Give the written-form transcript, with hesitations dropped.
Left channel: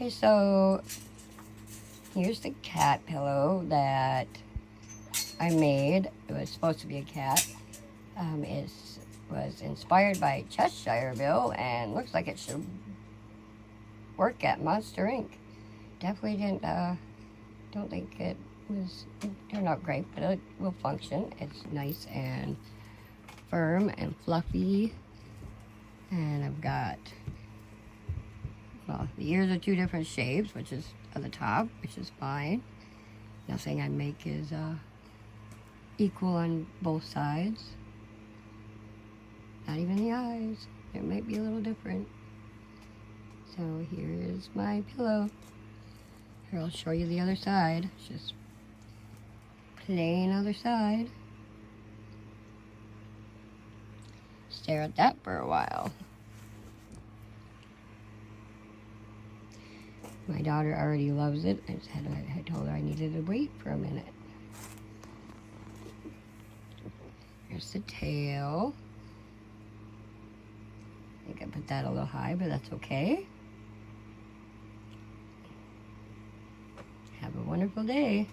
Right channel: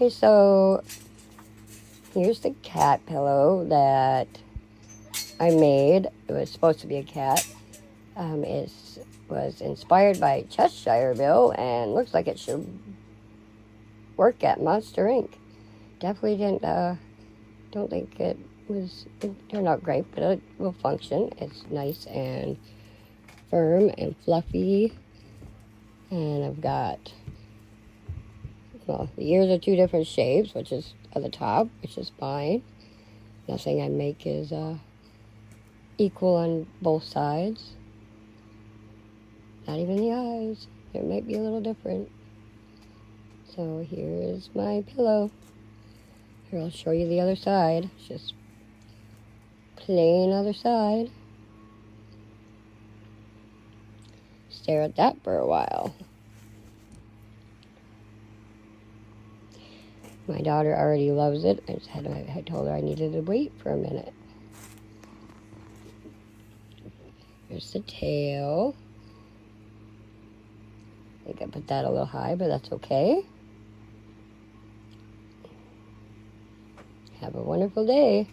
Okay, so here's the cat pillow that I made. It was supposed to be a cat. It was inspired by Cheshire Ville and looks like it should work at Monster Inc. Definitely don't think it turned out great, but it will function. It's nice and firm and fluffy. And I've got, well, the ears are two different shapes, which is at the top, which is fine. Nothing I make is equal on both sides. Not even the eyes. It might be a little different. So here is my pillow. Here, I'll show you the other side. It's just plain other side. Stare at that for a while. My daughter already loves it. I told her I needed to wait for a minute. Here's the tail. I think I put that a little high, but that's okay. Have a wonderful day.